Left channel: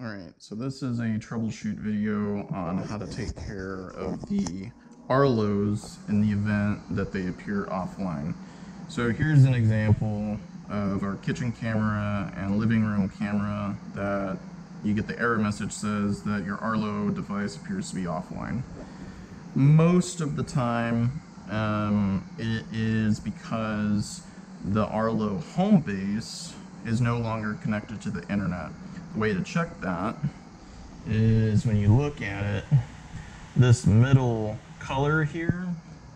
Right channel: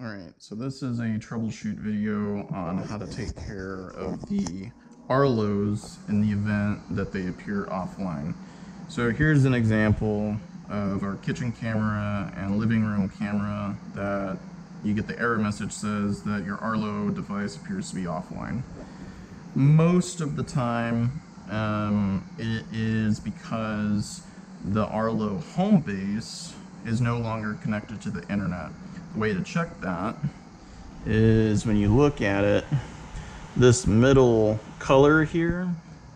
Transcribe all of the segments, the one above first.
Alright, so this is a troubleshoot video on how to take care of the Arlos in the event that they appear offline. So here's an example of our kitchen camera and living room camera that you get the error message says that your Arlo device appears to be offline. Most of the time it is because the Arlo home base is no longer connected to the internet. The way to check that is when you look at it, this middle color here,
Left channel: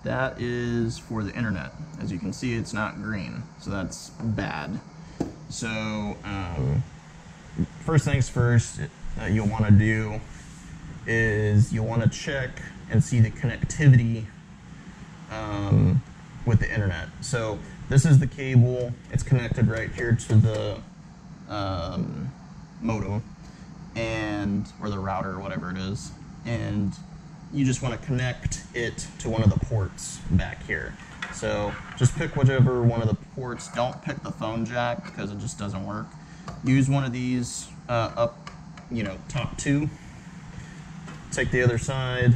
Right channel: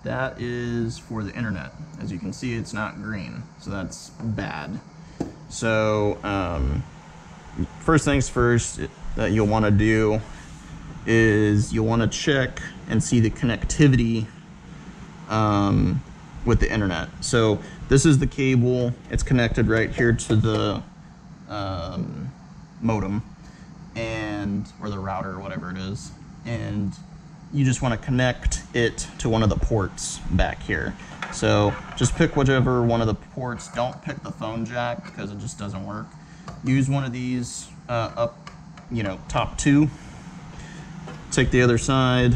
that is for the internet. As you can see, it's not green, so that's bad. So first things first that you'll want to do is you'll want to check and see the connectivity with the internet. So this is the cable, it's connected right here to the modem or the router or whatever it is, and you just want to connect it to one of the ports back here. So just pick whichever one of the ports. Don't pick the phone jack because it just doesn't work. Use one of these up, top two. Take the other side,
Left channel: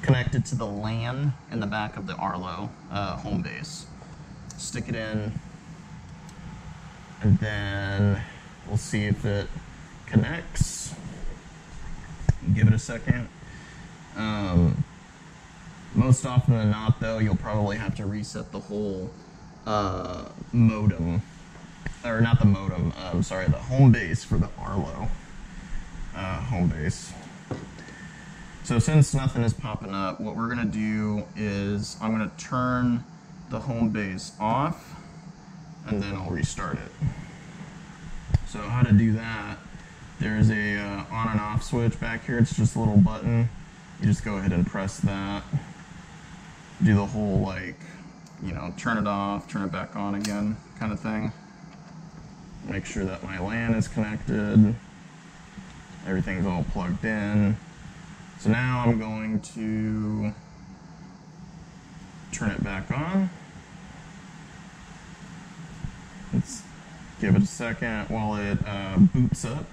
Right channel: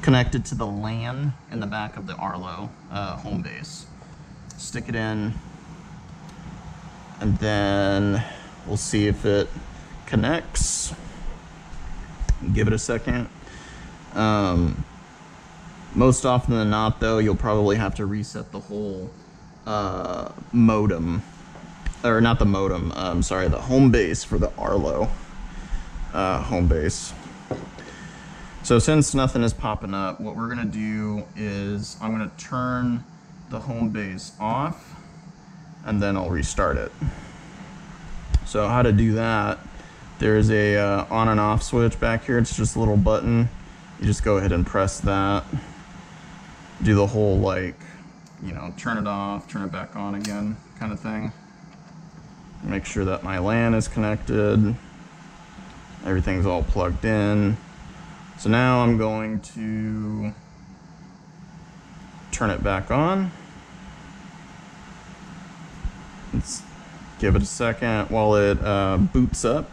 connect it to the LAN in the back of the Arlo home base. Stick it in, and then we'll see if it connects. Give it a second. Most often than not, though, you'll probably have to reset the whole modem, or not the modem, sorry, the home base for the Arlo home base. So since nothing is popping up, what we're gonna do is I'm gonna turn the home base off, and then I'll restart it. So how to do that, there's a on and off switch back here. It's just a little button. You just go ahead and press that. Do the whole, turn it off, turn it back on again kind of thing. Make sure that my LAN is connected. Everything's all plugged in. So now I'm going to turn it back on. Let's give it a second while it boots up.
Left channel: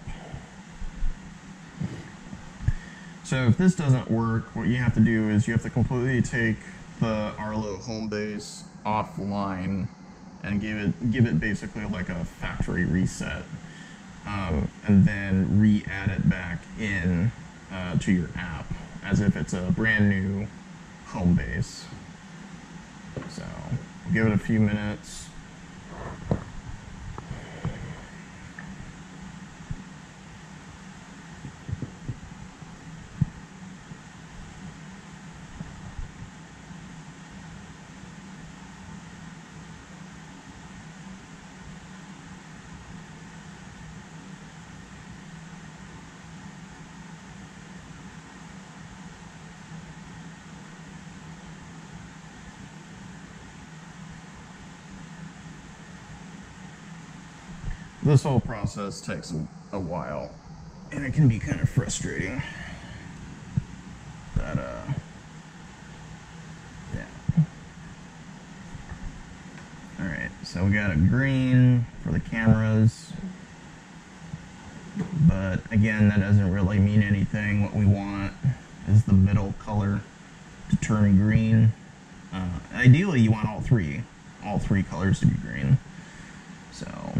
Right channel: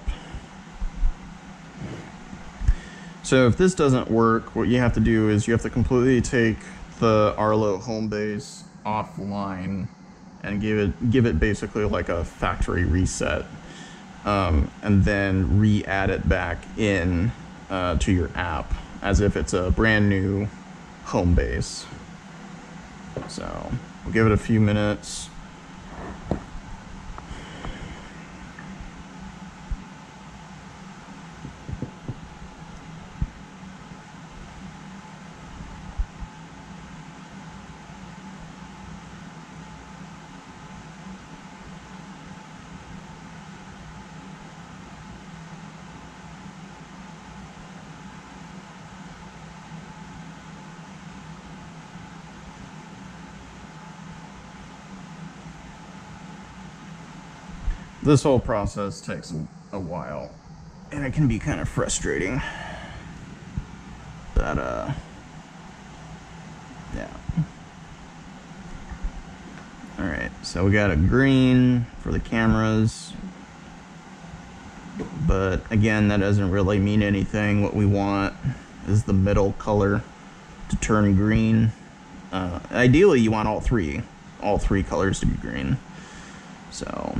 So if this doesn't work, what you have to do is you have to completely take the Arlo home base offline and give it basically like a factory reset, and then re-add it back in to your app as if it's a brand new home base. So we'll give it a few minutes. This whole process takes a while, and it can be kind of frustrating. But yeah. Alright, so we got a green for the cameras, but again, that doesn't really mean anything. What we want is the middle color to turn green. Ideally, you want all three colors to be green. So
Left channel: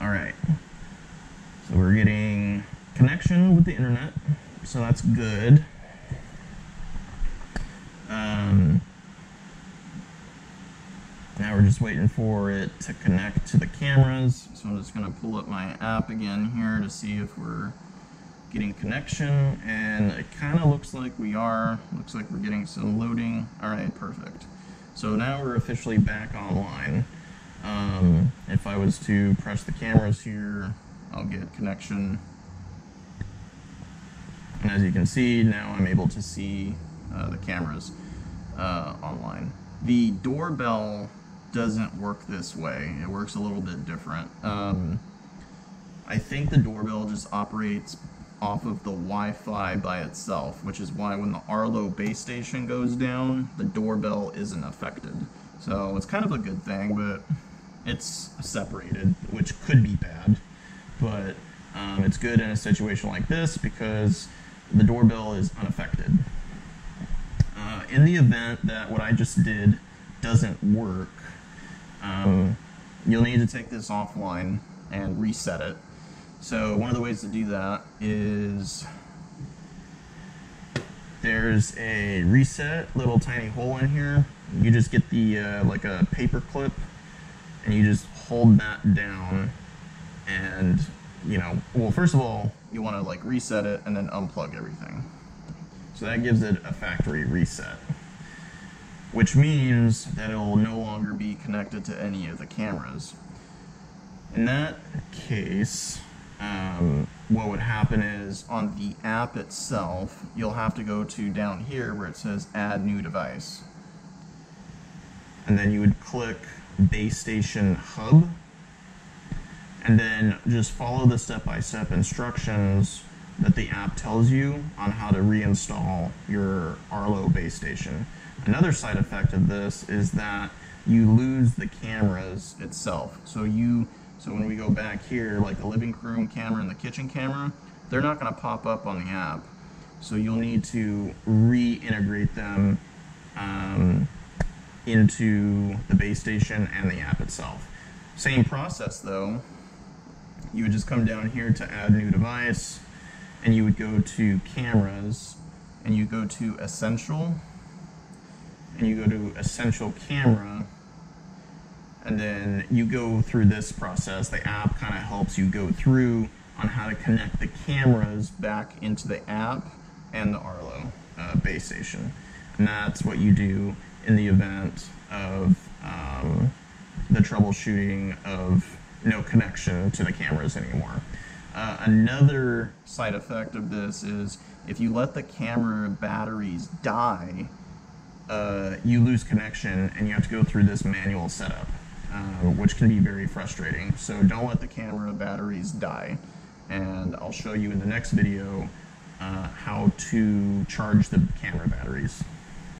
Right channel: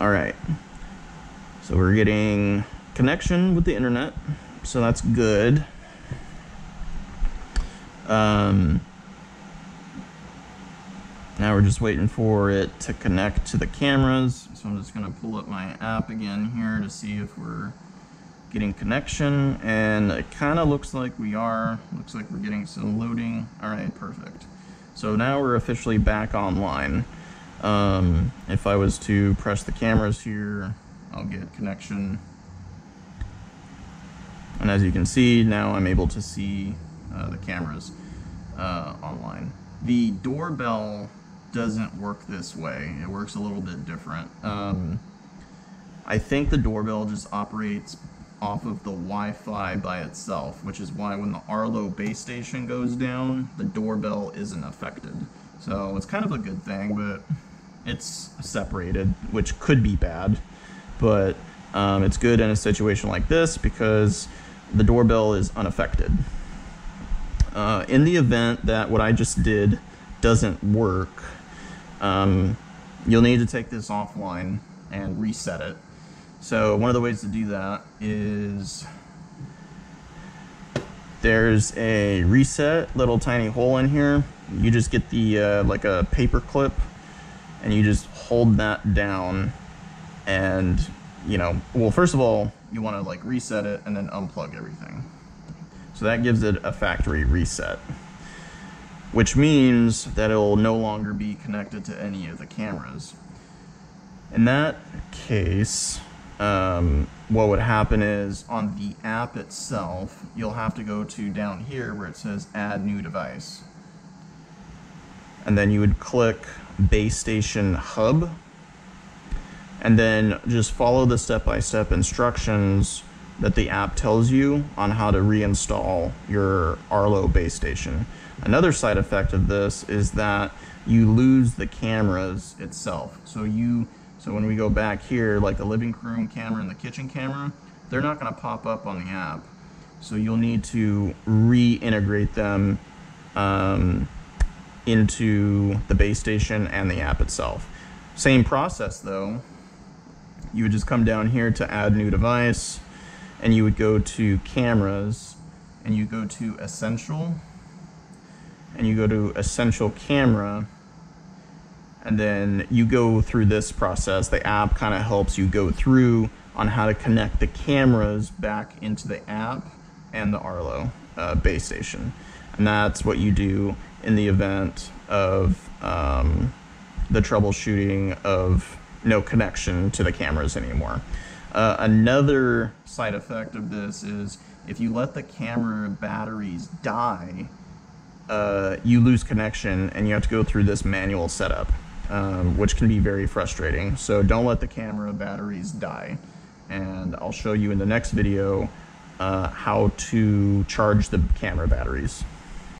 alright, so we're getting connection with the internet, so that's good. Now we're just waiting for it to connect to the cameras, so I'm just going to pull up my app again here to see if we're getting connection, and it kind of looks like we are. Looks like we're getting some loading. Alright, perfect. So now we're officially back online. If I was to press the cameras here, I'll get connection, and as you can see, now I'm able to see the cameras online. The doorbell doesn't work this way. It works a little bit different. I think the doorbell just operates off of the Wi-Fi by itself, which is why when the Arlo base station goes down, the doorbell isn't affected. So it's kind of a good thing, but it's separated, which could be bad. But It's good in a situation like this because the doorbell is unaffected. In the event that what I just did doesn't work, you'll need to take this offline and reset it. So one of the ways to do that is there's a reset little tiny hole in here. You just get the like a paper clip and you just hold that down, and well, first of all, you want to like reset it and then unplug everything. So that gives it a factory reset, which means that it'll no longer be connected to any of the cameras. In that case, what would happen is on the app itself, you'll have to go to down here where it says add new device. And then you would click base station hub, and then just follow the step-by-step instructions that the app tells you on how to reinstall your Arlo base station. Another side effect of this is that you lose the cameras itself. So when we go back here, like the living room camera and the kitchen camera, they're not going to pop up on the app. So you'll need to reintegrate them into the base station and the app itself. Same process though. You would just come down here to add new device, and you would go to cameras, and you go to essential, and you go to essential camera, and then you go through this process. The app kind of helps you go through on how to connect the cameras back into the app and the Arlo base station. And that's what you do in the event of the troubleshooting of no connection to the cameras anymore. Another side effect of this is if you let the camera batteries die, you lose connection and you have to go through this manual setup, which can be very frustrating. So don't let the camera batteries die. And I'll show you in the next video how to charge the camera batteries.